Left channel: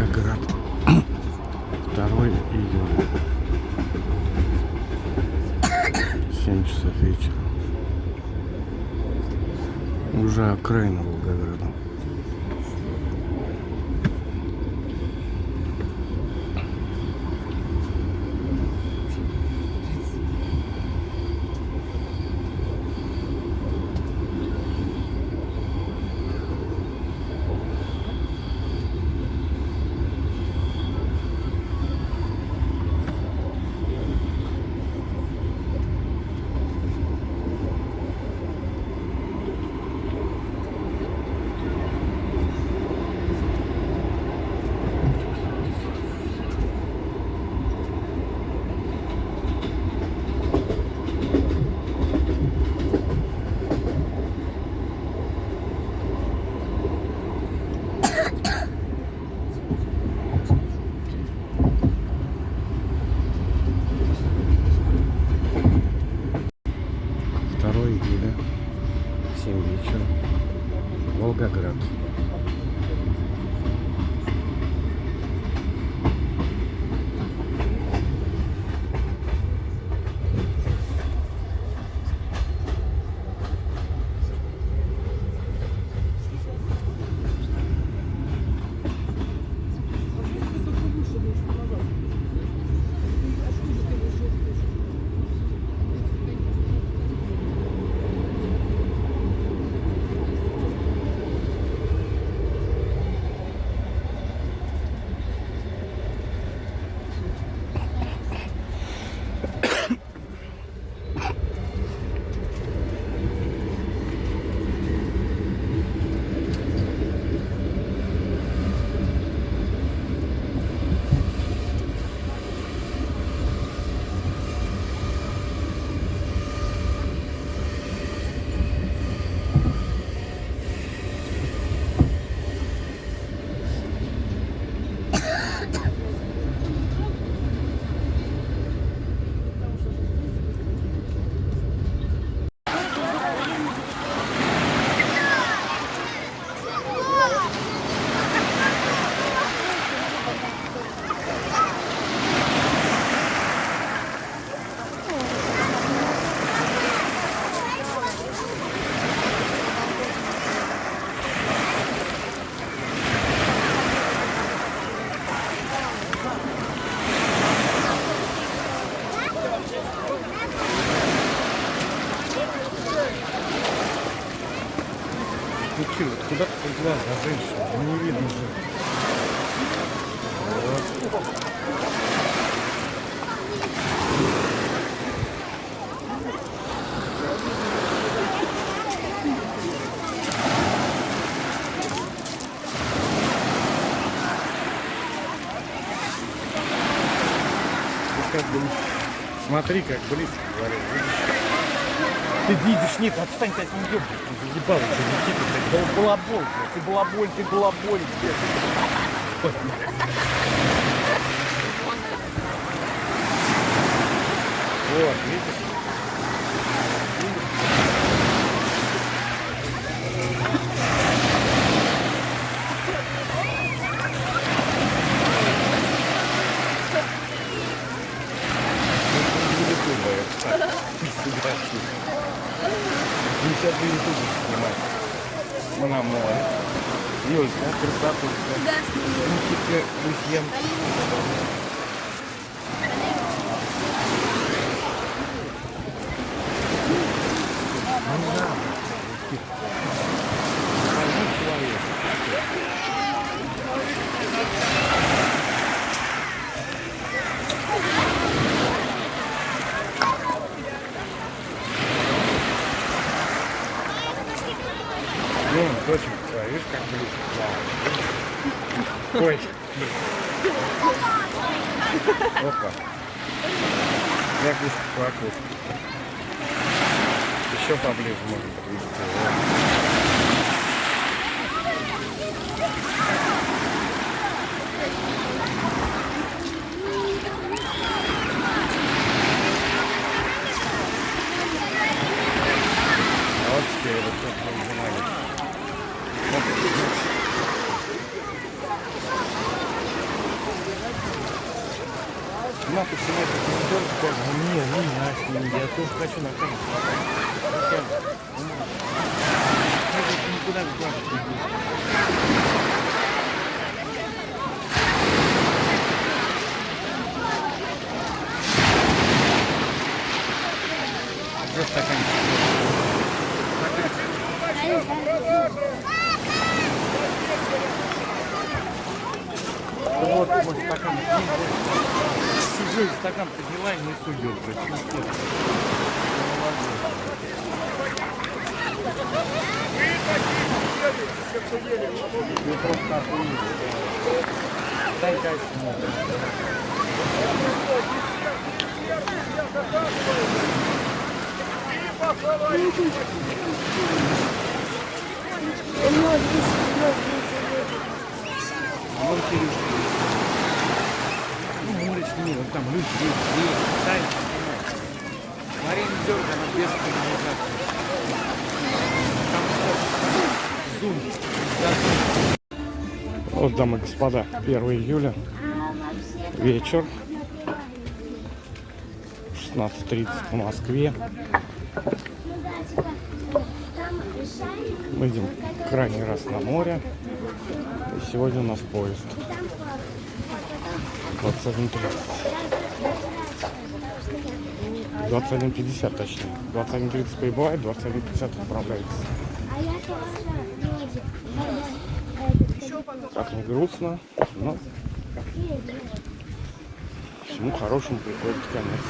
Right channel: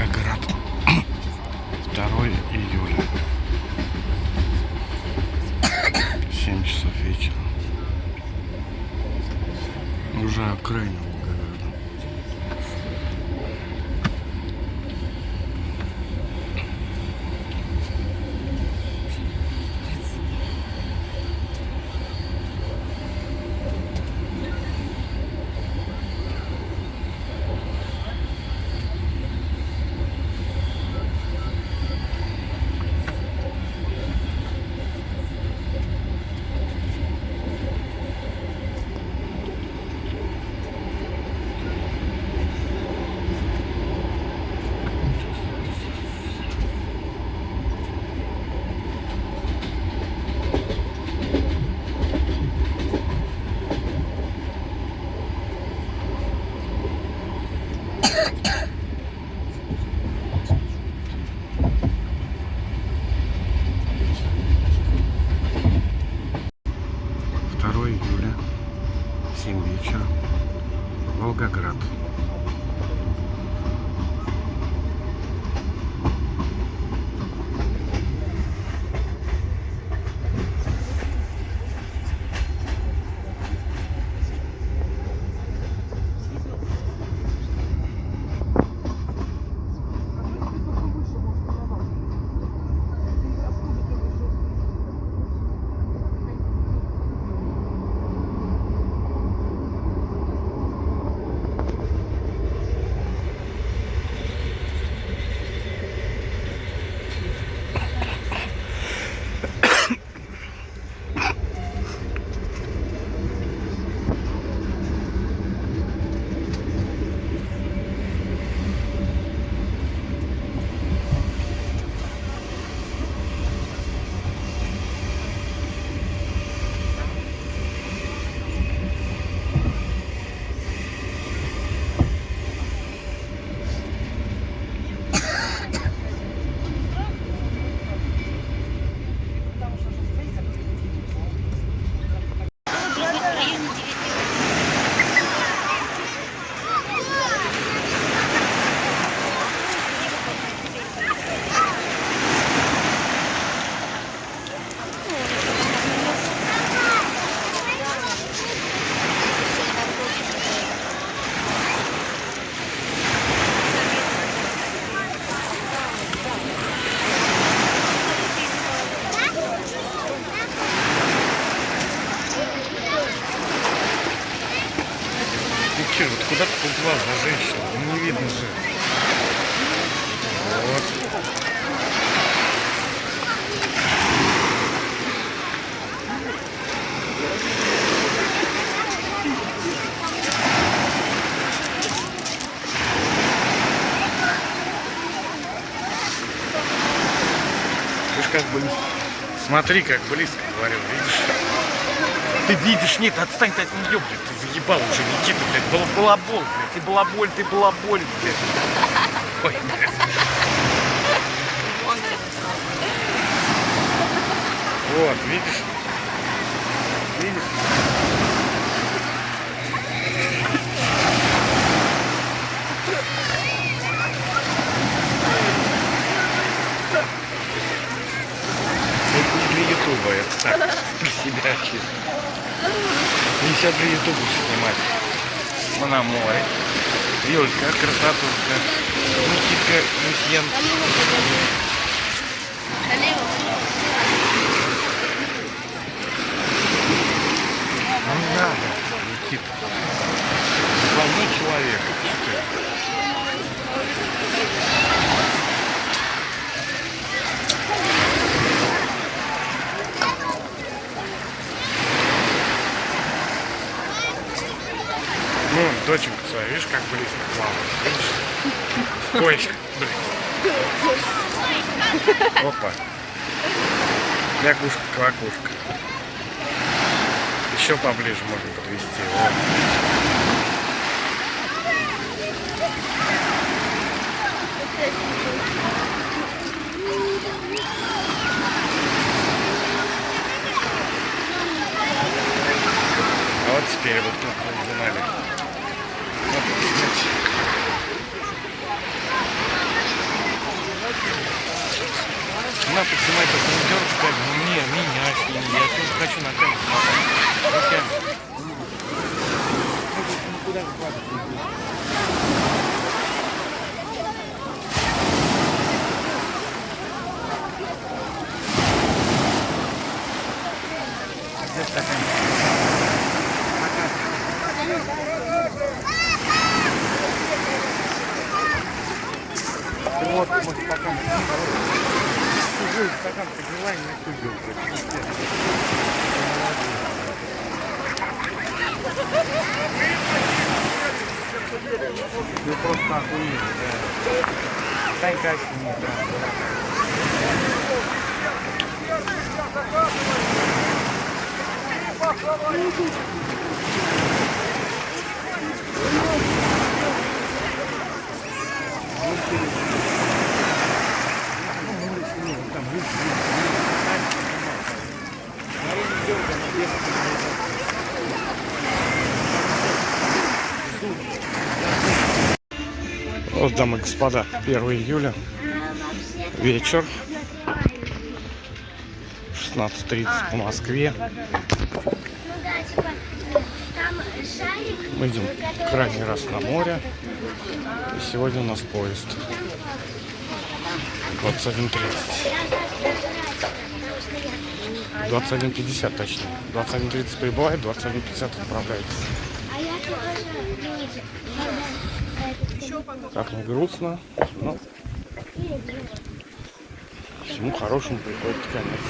Волгоград. 2 июля. 7 часов вечера. Уже окраина Волгограда. Июля, 7 вечера, Волгоград. Кир, вот куда ты поплыл за женщину? Ну не видно же. Вот. Ты ж как бы... Смотри, как близко говорил, видишь? Ты видишь, нет, отстань ты от нее, блядь, ты заебал уже, Никита, блядь, балабол, блядь, ты балаболь, блядь. Ой, блядь. Вот, видишь? Видишь? Это не для ютуба, это так, для себя чисто. Не все для ютуба снимать. Мы на море. Юлька, красотушка. Никитка, Люсьен. Ну не надо, Никита. Больной человек. Ну, доченька своя, видишь, как близко плавает, видишь? Ой, блин. Опа. Лягушка-квакушка. Еще поближе можем подвести. Вот. А вот теперь вот тут мы изымали. Вот, Нахуй снимать этот монитор, скажем, мне, меня сними, я тоже хочу на камеру смотреть. Никуда не платить не буду. Где стаканчик? Вот мой стакан. Чужой стакан подняла и не судил. Ты просто охуел. Дай кайф мне, да, дорогая. Вот, дамы и господа, 1 июля, вечер, 16:30 по Москве. Мы идем крайний раз на море. И сегодня у нас поезд 21:30. 21:50 точнее. 21:30 прибывает, 21:50 отправляется. Как не грустно, но всему хорошему приходит конец.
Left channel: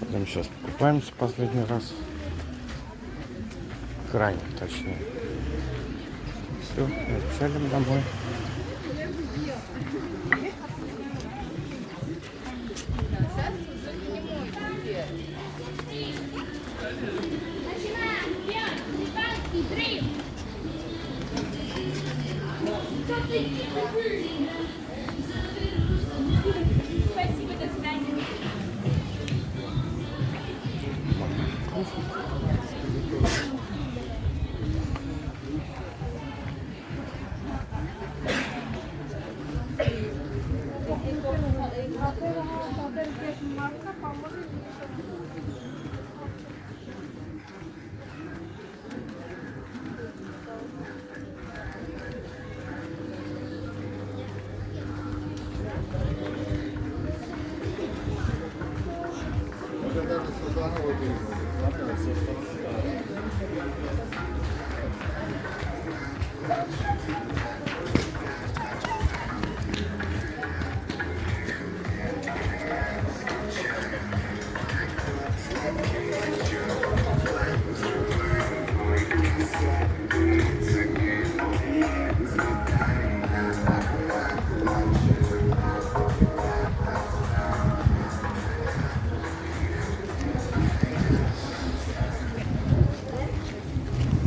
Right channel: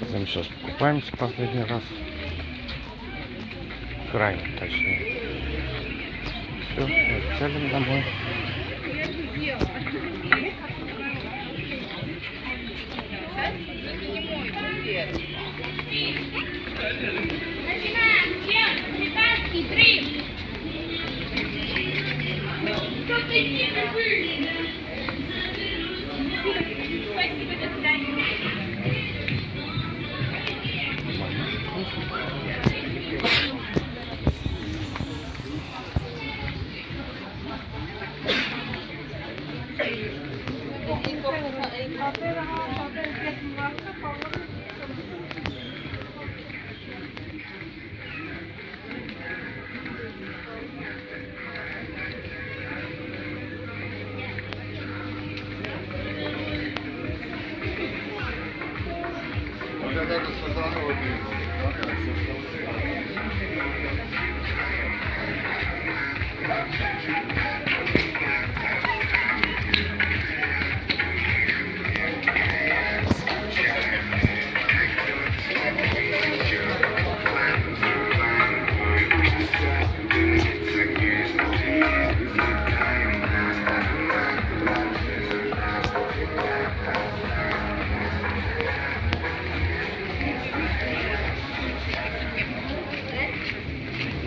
Идем сейчас покупаемся последний раз. Крайне точнее. Все, отчалим домой. Спасибо, до свидания.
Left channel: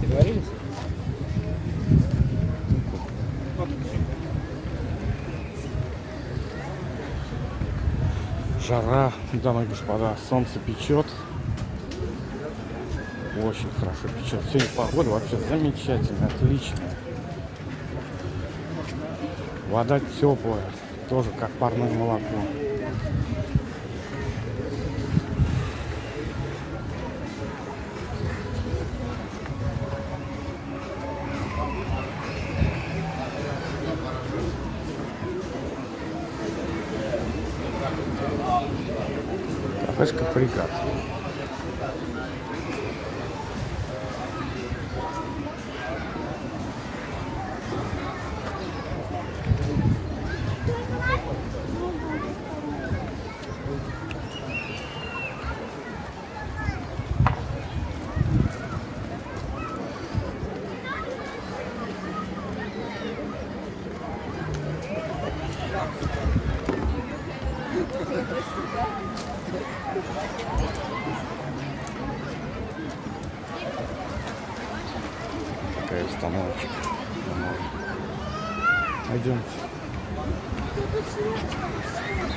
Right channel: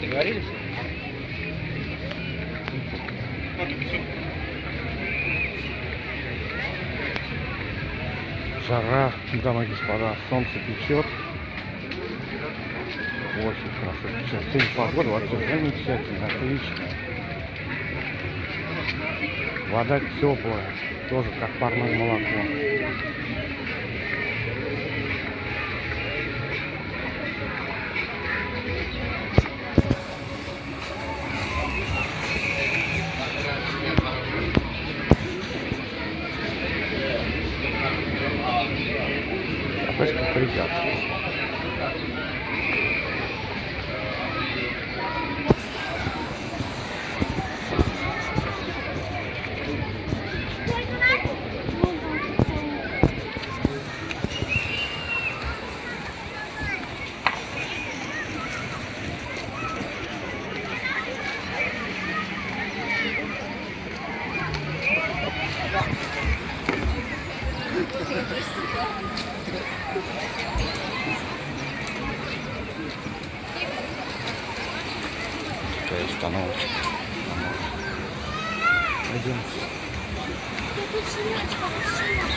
Договорились? Жара, дамы и господа, солнце печет. Очень хорошо печет. Сегодня погода вообще замечательная, отличная. Вода теплая, тоже как парное молоко. Кафешка «Фрегат». Такая установочка. Пойдемте. Вкуснячка, вкуснячка.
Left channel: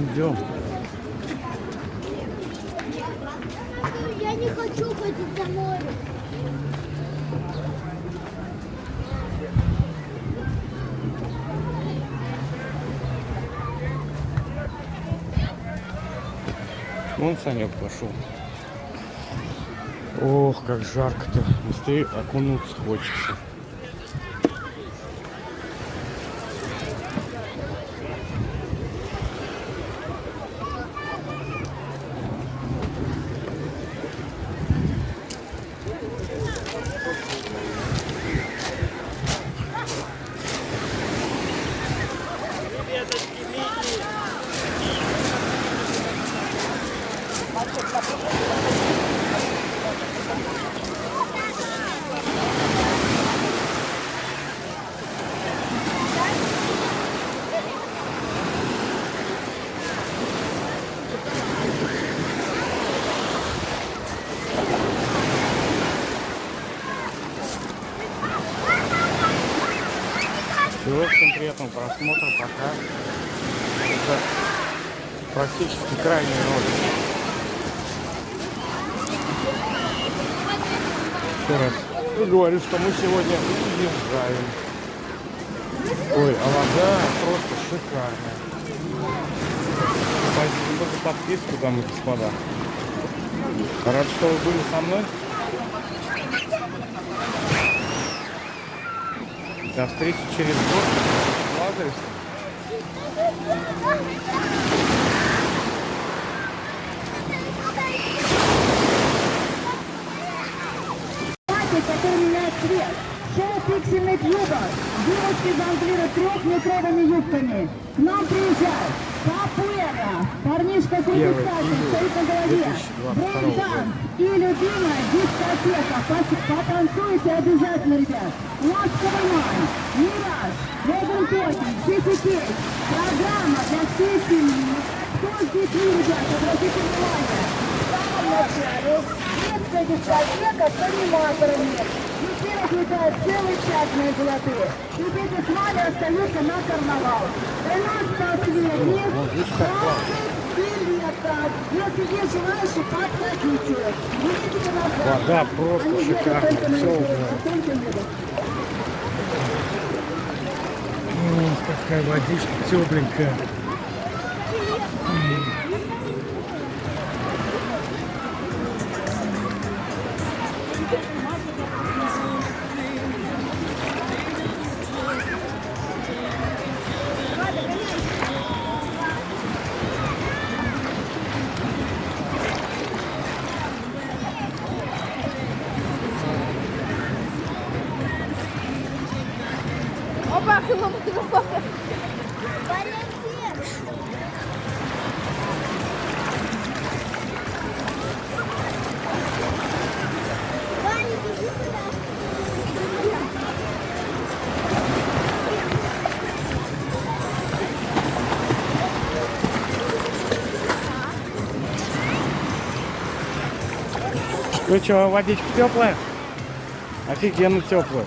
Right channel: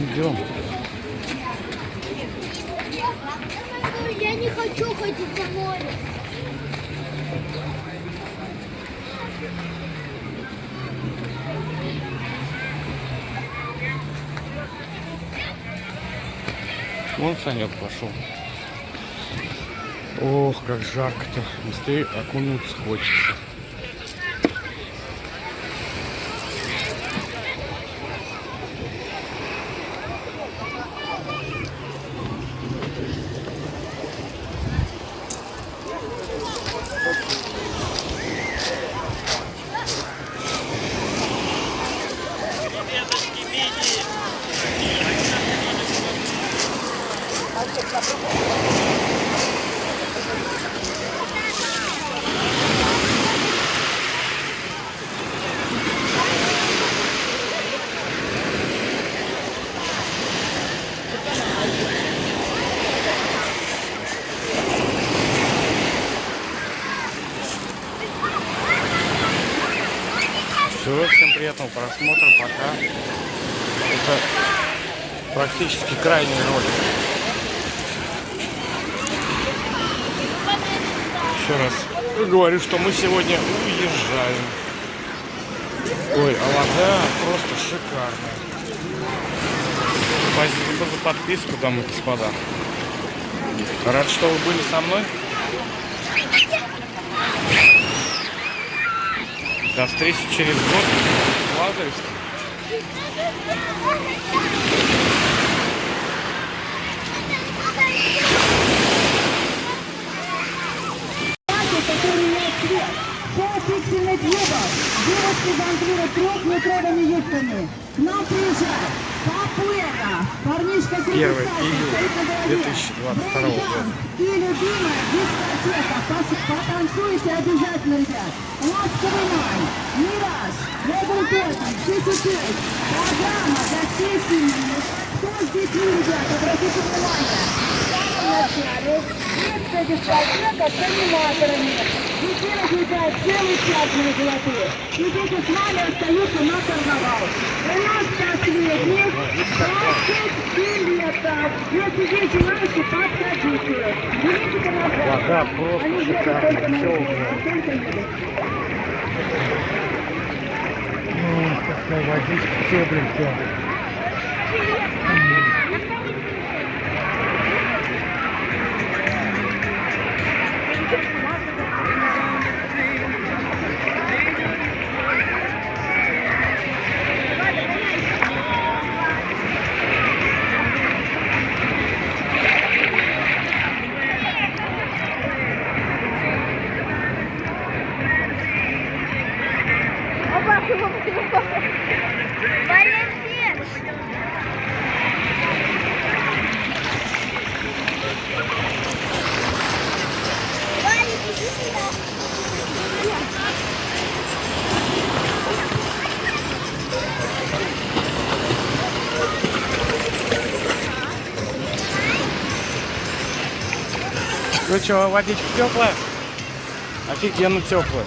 Идем. Я не хочу ходить на море. Вон Санек пошел. Ох, как жарко-то. Быстрее окунуться хочется. Все, всем приятного просмотра, пока. Это практически крайний ролик. Еще раз говорю, что мы сегодня уезжаем. Ой, а вода просто шикарная. Спасибо за подписку, дамы и господа. Рад, что вы были со мной. До встречи через год в Лазаревском. Который меняет цвет. Полупиксельный клубов. Девушки жонглируют трехметровыми юбками. К нам приезжает Папуэра. Парнишка 1 июля 2022 года. И любимая дискотека. Потанцуйте обязательно, ребят. Ласковый май. Мираж. Робин Тоттен. Чики-чик. Программа для всей семьи. Кто с детьми, ребята? Обратите внимание. Детская дискотека с аниматорами. Детей отвлекает целый час на золотые. И дети с вами остаются на карнавал. Просто свет, билетов. Если здесь желающие, подходите. Берите на Вода просто шикарная. Все Ох, какая водичка тепленькая. Валентин! Ну что, водичка теплая? Офигенно теплая.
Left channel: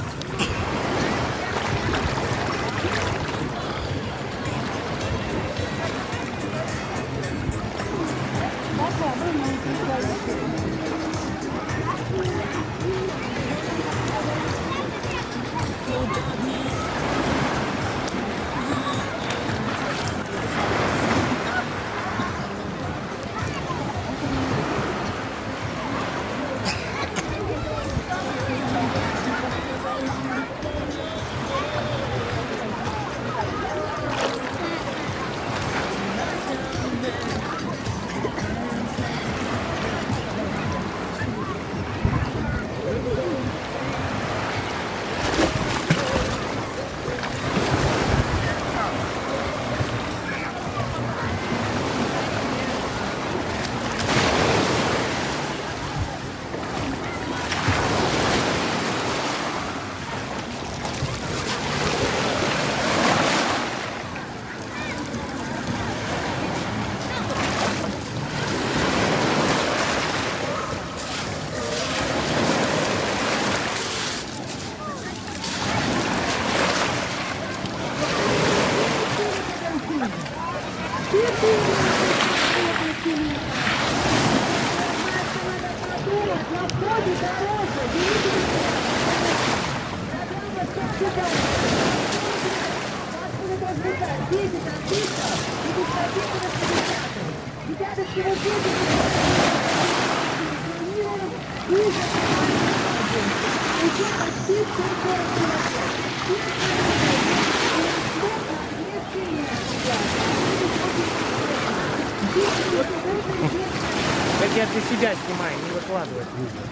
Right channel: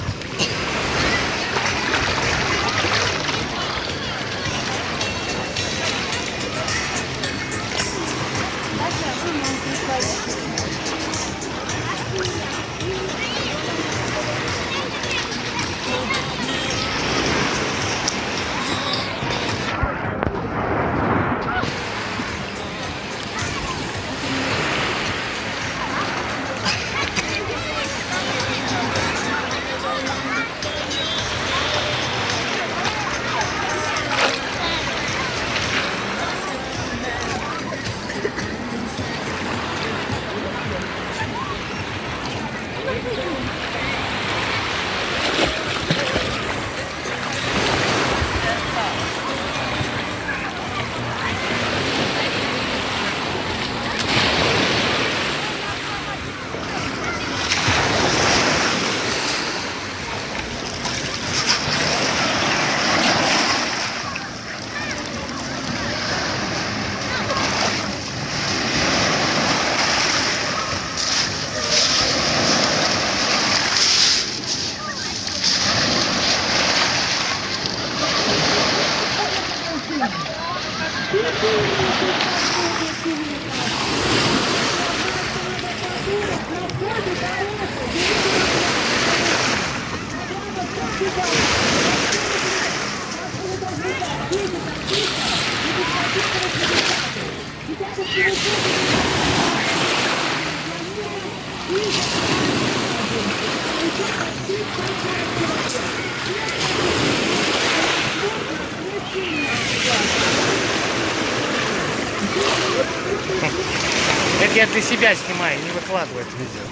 Это я для себя снимаю, не выкладываю это видео.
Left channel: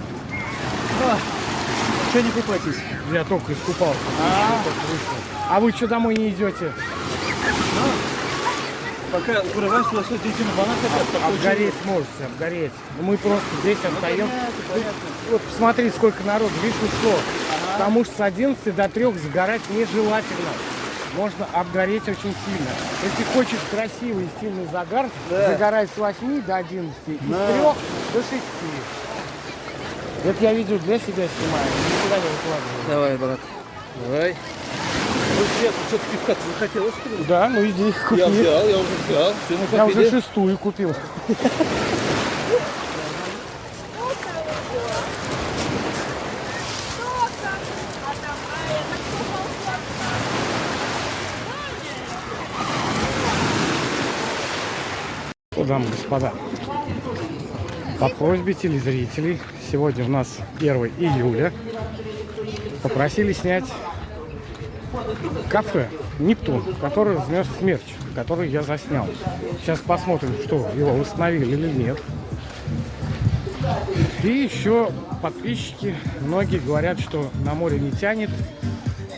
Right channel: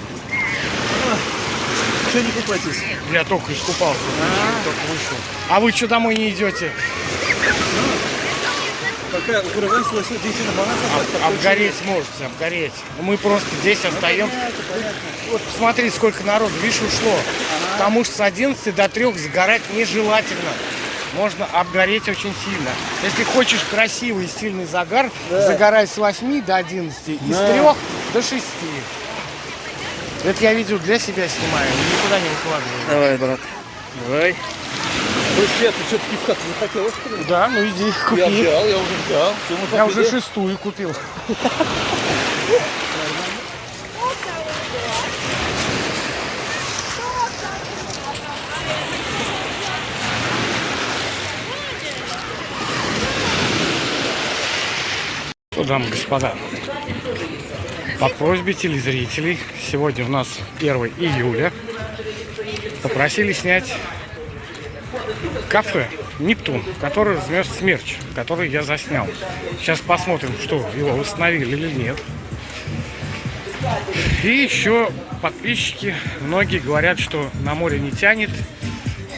Что не купаетесь? Я только искупался, только вышел. А вы что, домой не идете? Пока укрываюсь, все идите на банан. Обгореть можете, обгореть. Мы просто здесь остаемся. Вот посмотри, сколько народу, видишь, ушло. Потому что с 11 до 3 загорать нежелательно. Можно обгореть очень сильно. Если хочешь красивый и сильный загар, загорай с 8 до 11 и с 3 до 6. Это я видео для себя снимаю, никуда не выкладываю. Давай, брат. Давай. Ну, Свет, ты что-то пивка захотелось? Да, ну иди, купи. Я уже взял. Я уже 6-ю купил. Что, дамы и господа, по просьбе телезрителей, сегодня у нас 1 июля, попросили снять кафе «Нептун», который разместит мерч, который я заснял. Сейчас посмотрим, что его восстановили или нет. И еще подписчики, многие говорят, что на море не тянет,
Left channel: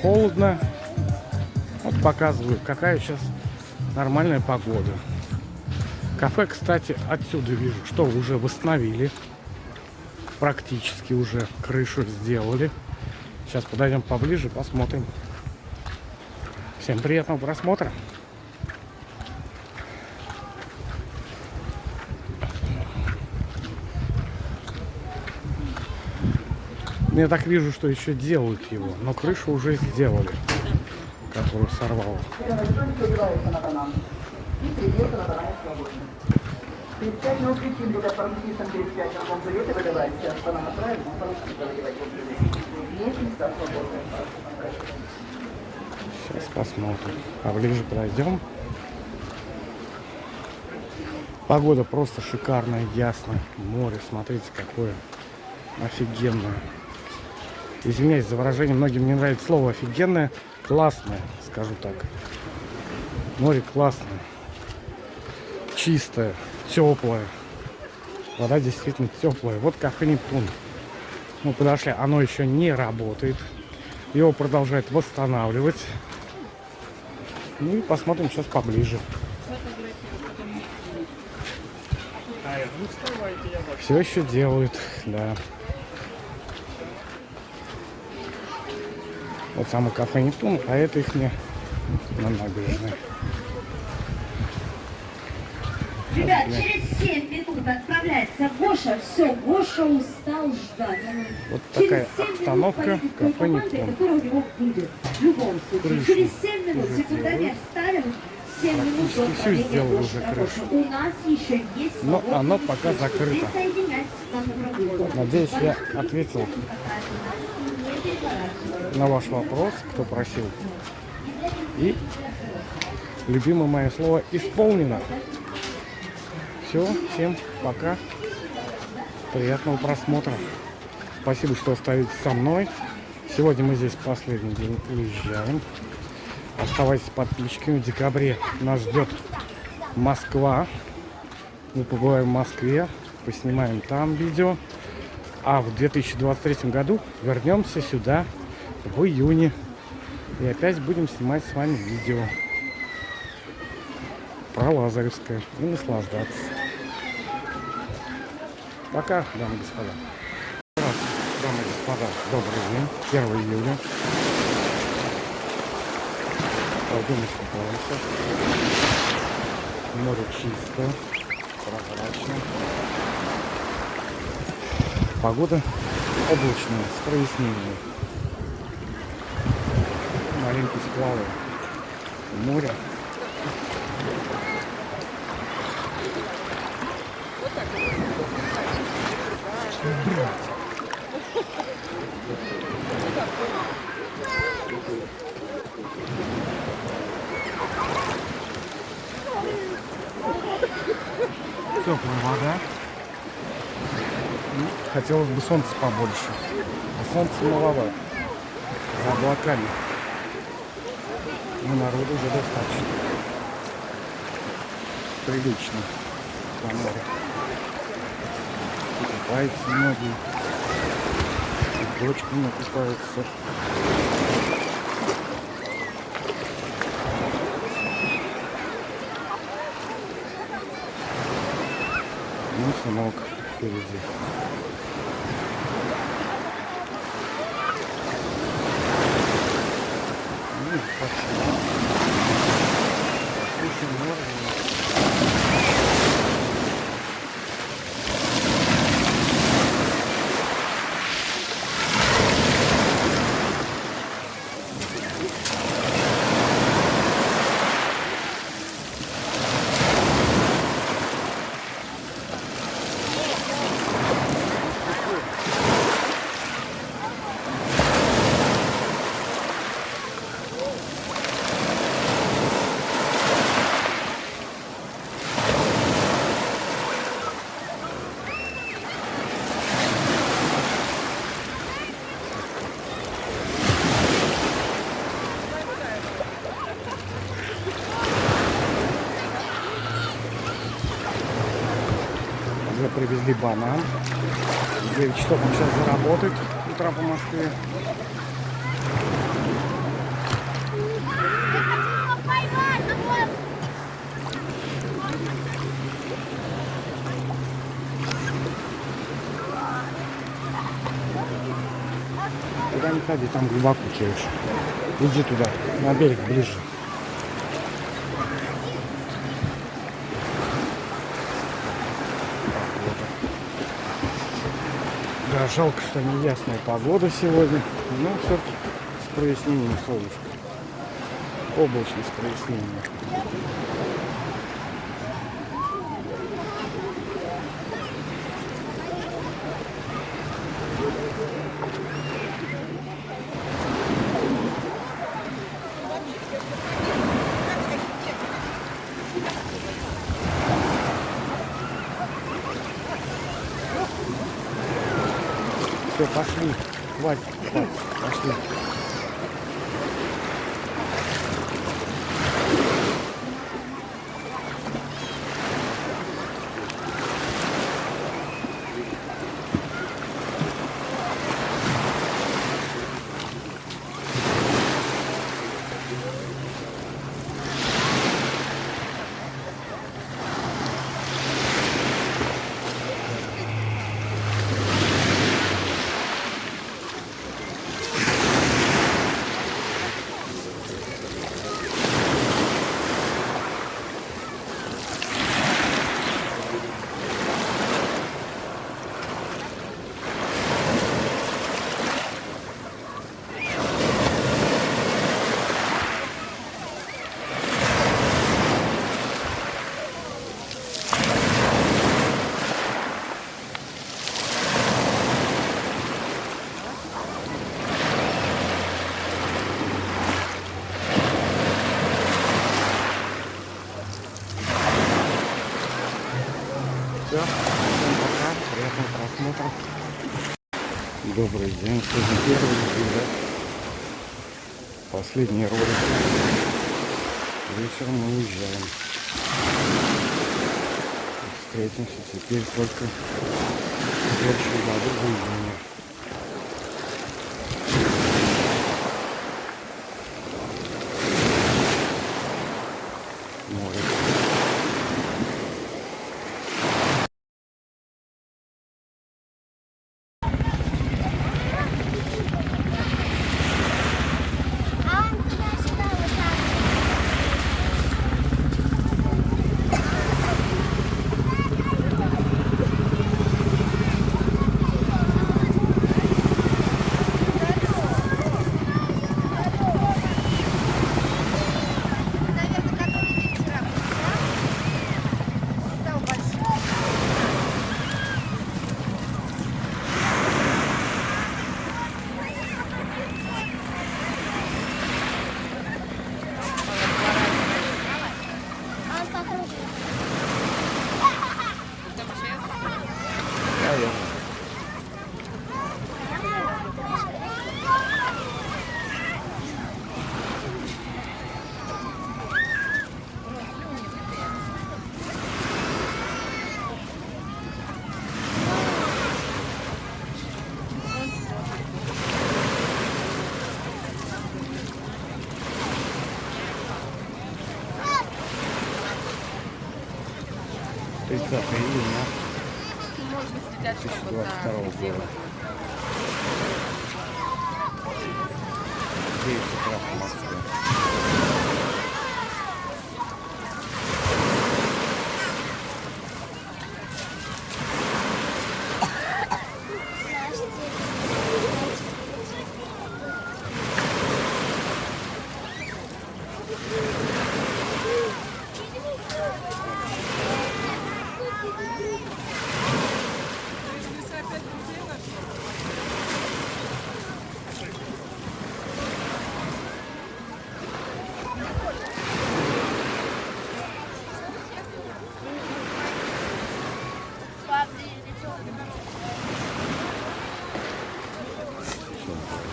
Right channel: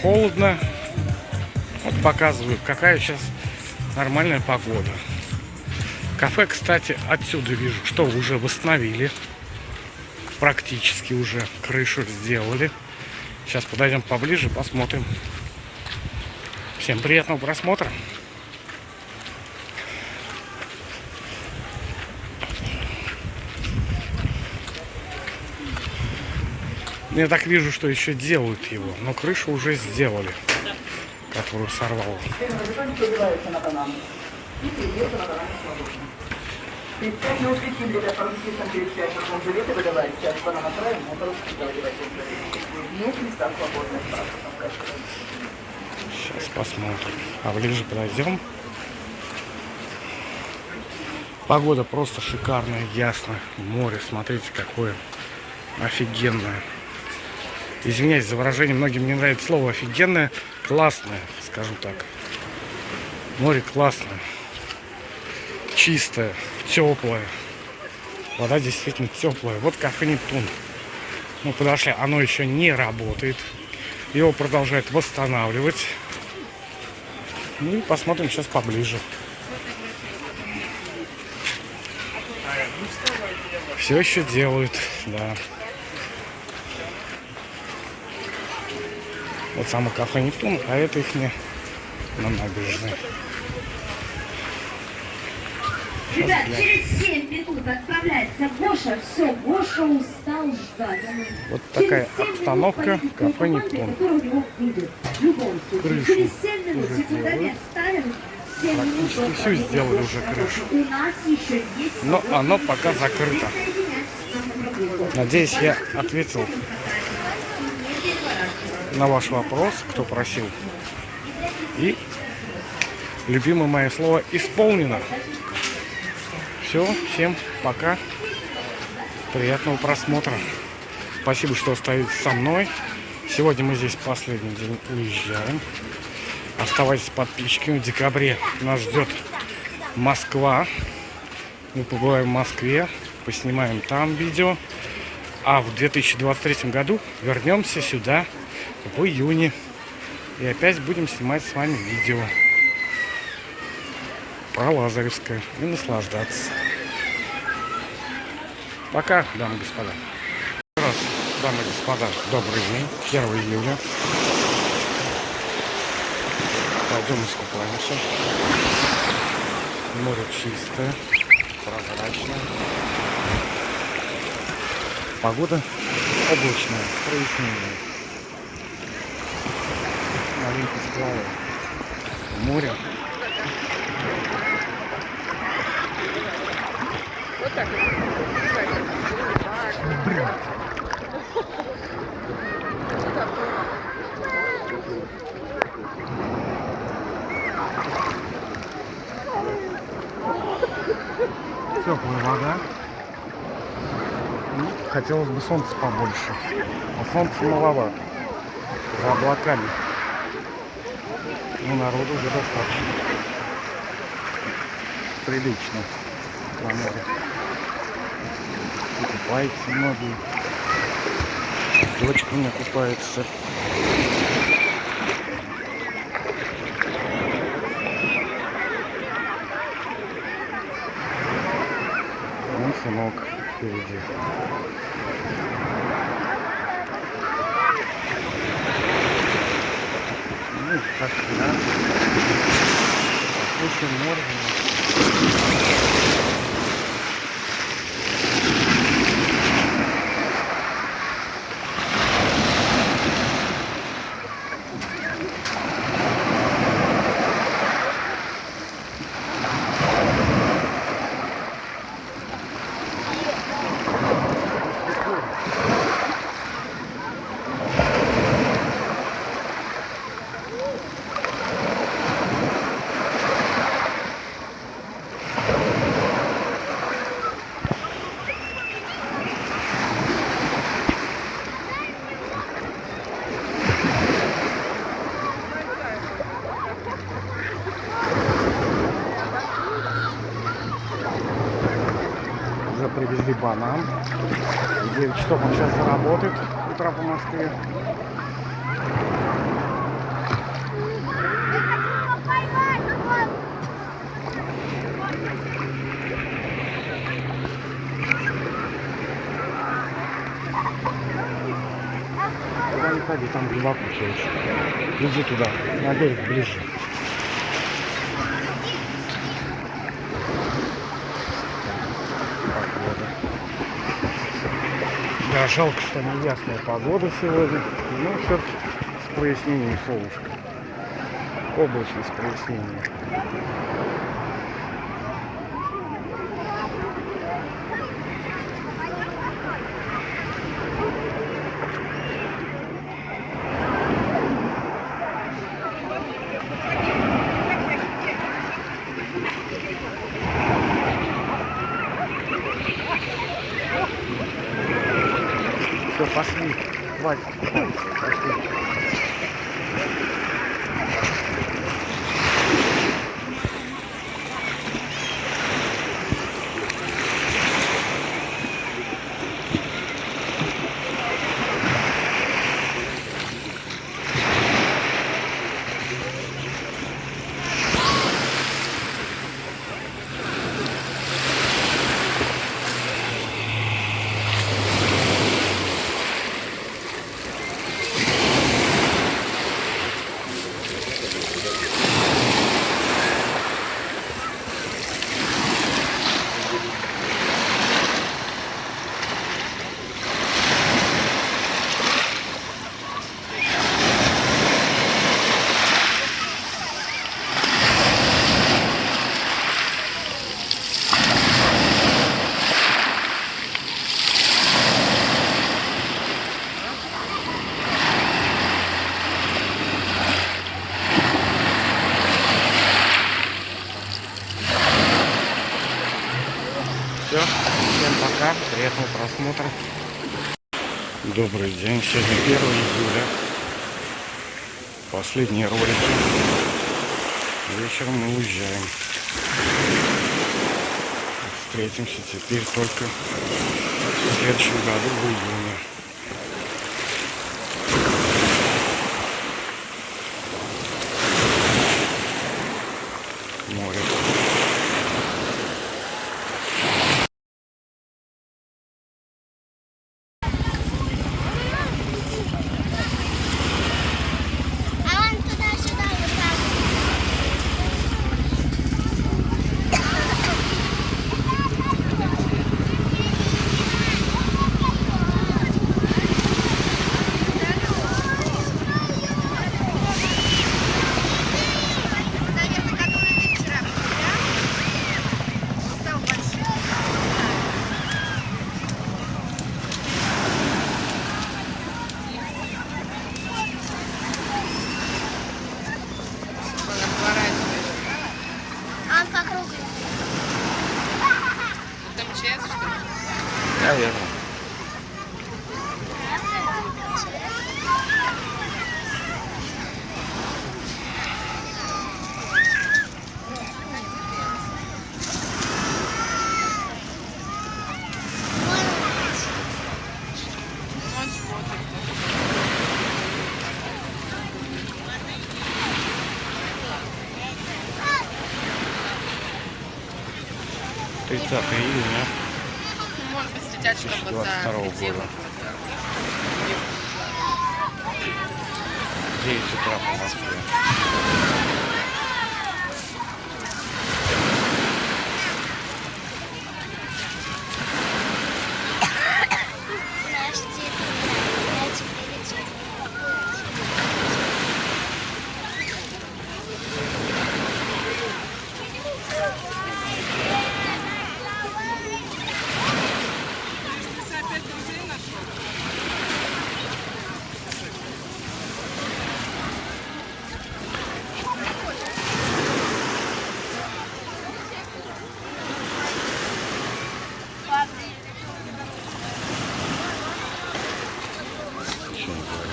холодно. Вот показываю, какая сейчас нормальная погода. Кафе, кстати, отсюда вижу, что уже восстановили. Практически уже крышу сделали. Сейчас подойдем поближе, посмотрим. Всем приятного просмотра. Я так вижу, что еще делают его, но крышу уже сделали, которую сорвало. Сейчас посмотрим. Поближе подойдем. Погода просто шикарная, ясная. Море, смотрите, какое офигенное. Извиняюсь за выражение, многим не нравится слово офигенное. Классное, скажу так. Море классное. Чистое, теплое. Вода действительно теплая. Вот кафе «Нептун». Мы подошли, оно еще не работает. Его продолжают восстанавливать. Ну и посмотрим сейчас поближе. Все еще делают, да. Вот само кафе «Нептун», а это их не на набережной. Ребят, через 7 минут отправляется Гоша. Все, Гоша устал ждать. Вот такая обстановка кафе «Нептун». Крышу Через 7 минут уже секретарь делают. ставим. 7 минут Практически все сделали уже крышу. У нас еще есть... Но оно пока закрыто. Надеюсь, я ответил на ваш вопрос, кто просил. И любимое мое слово исполнено. Все, всем пока. Приятного просмотра. Спасибо, что остаетесь со мной. Сегодня мы здесь последний день уезжаем. Оставайтесь подписчиками. В декабре нас ждет Москва. Мы побываем в Москве, поснимаем там видео. А в 2023 году вернемся сюда в июне. И опять будем снимать с вами видео про Лазаревское и наслаждаться. Пока, дамы и господа. Еще раз, дамы и господа, добрый день. 1 июля. Пойдем искупаемся. Море чистое, прозрачное. Погода облачная, с прояснением. Маленький сплавы. Море. теплая вода. Ну, хотелось бы солнца побольше. А солнца маловато. За облаками. Но народу уже достаточно. Прилично. На море. И купаются многие. С дочками купаются. Вон сынок впереди. Ну, как всегда. Слушаем море. Уже привезли банан. 9 часов он сейчас заработает с утра по Москве. Я хочу его поймать, вот. Туда не ходи, там глубоко чаще. Иди туда, на берег ближе. Погода. Да, жалко, что неясная погода сегодня. Но все с прояснением солнышка. Облачно с прояснением. Все, пошли. Хватит, пошли. Все, всем пока, приятного просмотра. Добрый день, сегодня 1 июля. Последние ролики. Вечером мы уезжаем. Встретимся теперь только в следующем году в июне. Море. А он туда-сюда вот так. 30 июня Может быть, следят, чтобы 2022 года. 9 утра по Москве. Ничего не говорю.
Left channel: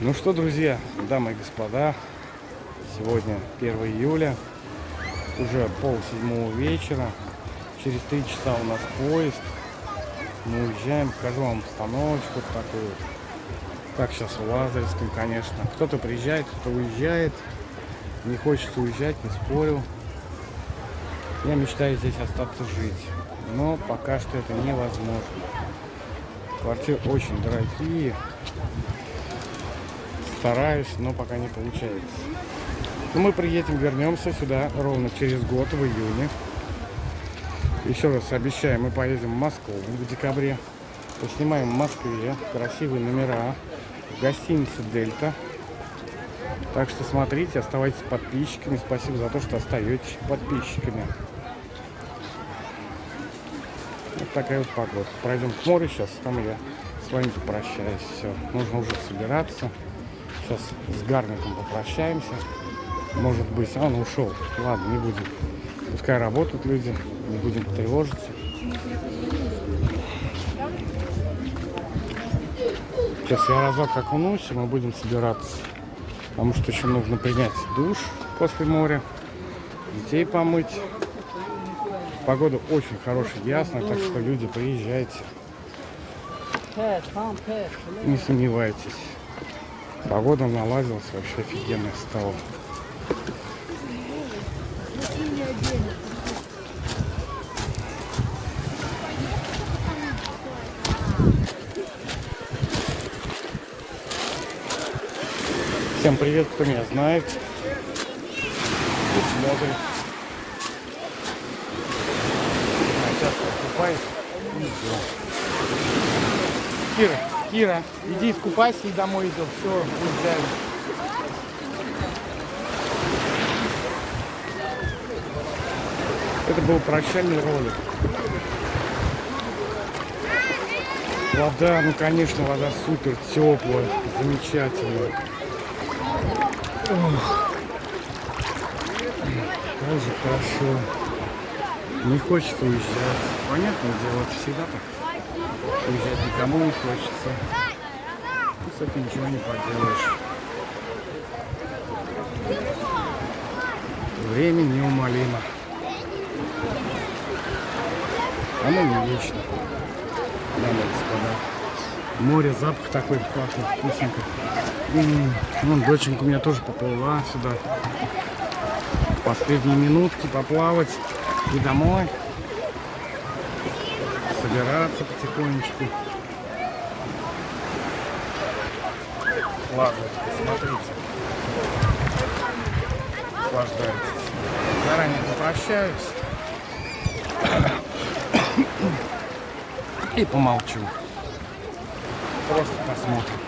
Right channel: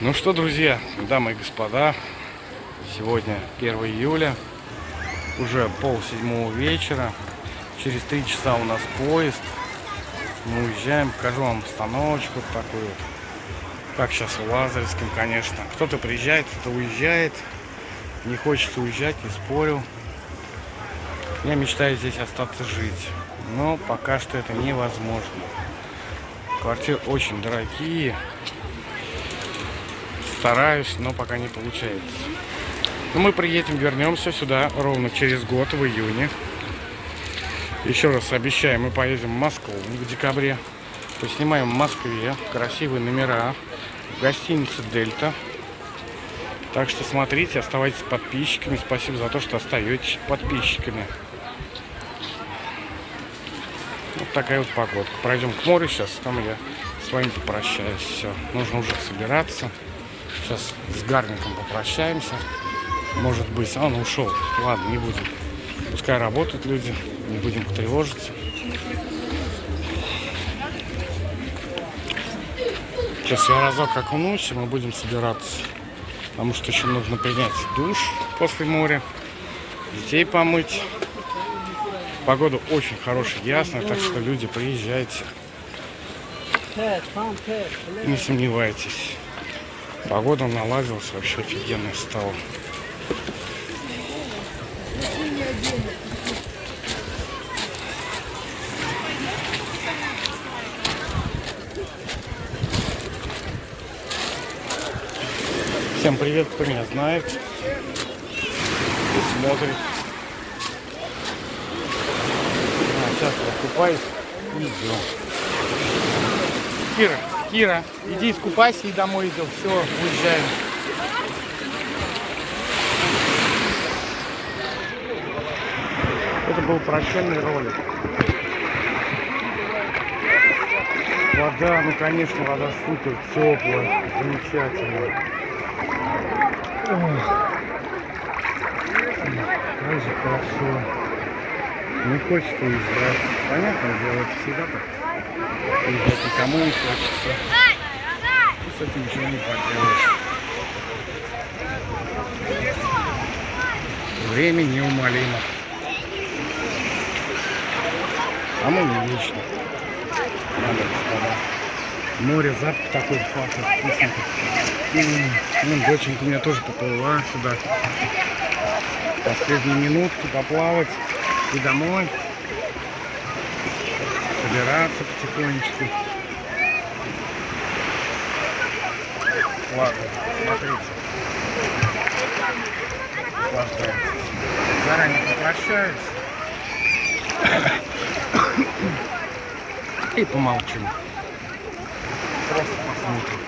Ну что, друзья, дамы и господа, сегодня 1 июля, уже 6:30 вечера, через 3 часа у нас поезд, мы уезжаем, покажу вам обстановочку вот такую вот, как сейчас в Лазаревском, конечно, кто-то приезжает, кто-то уезжает, не хочется уезжать, не спорю, я мечтаю здесь остаться жить, но пока что это невозможно, квартиры очень дорогие. Стараюсь, но пока не получается. Но мы приедем, вернемся сюда ровно через год, в июне. Еще раз обещаю, мы поедем в Москву в декабре. Поснимаем в Москве красивые номера в гостинице «Дельта». Так что смотрите, оставайтесь подписчиками. Спасибо за то, что остаетесь подписчиками. Вот такая вот погодка. Пройдем к морю сейчас, там я с вами попрощаюсь. Все, нужно уже собираться. Сейчас с Гарником попрощаемся. Может быть, он ушел. Ладно, не будем. Пускай работают люди, не будем потревожить. Сейчас я разок окунусь, и мы будем собираться. Потому что еще нужно принять душ после моря, детей помыть. Погода очень хорошая, ясная, так что люди, приезжайте. Не сомневайтесь. Погода наладилась, вообще офигенная стала. Всем привет, кто меня знает и смотрит. Сейчас я купаюсь и идем. Кира, иди искупайся и домой идем. Все, уезжаем. Это был прощальный ролик. Вода, ну конечно, вода супер теплая, замечательная. Ох. Как же хорошо. Не хочется уезжать. Понятное дело, это всегда так. Уезжать никому не хочется. И с этим ничего не поделаешь. Время неумолимо. А мы не вечно. Дамы и господа. Море, запах такой пахнет вкусненько. Ну, доченька у меня тоже поплыла сюда. Последние минутки поплавать и домой. Собираться потихонечку. Ладно, смотрите. Наслаждайтесь. Заранее попрощаюсь. И помолчу. Просто посмотрим.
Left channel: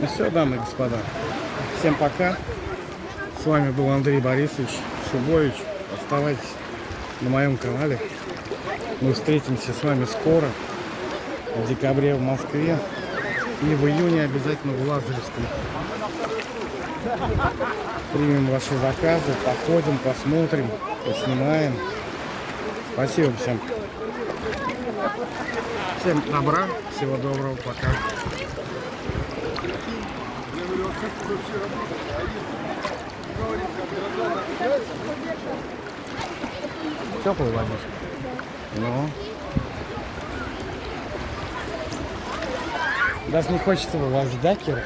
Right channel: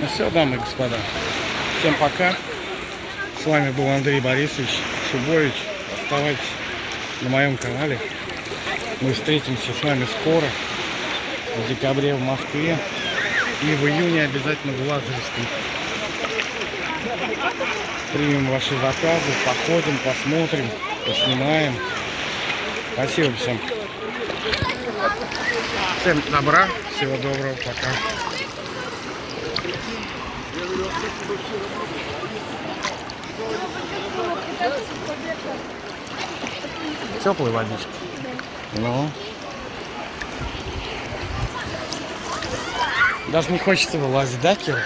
Ну все, дамы и господа. Всем пока. С вами был Андрей Борисович Шубович. Оставайтесь на моем канале. Мы встретимся с вами скоро. В декабре в Москве. И в июне обязательно в Лазаревском. Примем ваши заказы, походим, посмотрим, поснимаем. Спасибо всем. Всем добра, всего доброго, пока. Теплая водичка. Ну. Даже не хочется вылазить, да, Кира?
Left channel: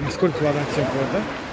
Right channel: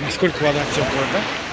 Насколько вода теплая, да?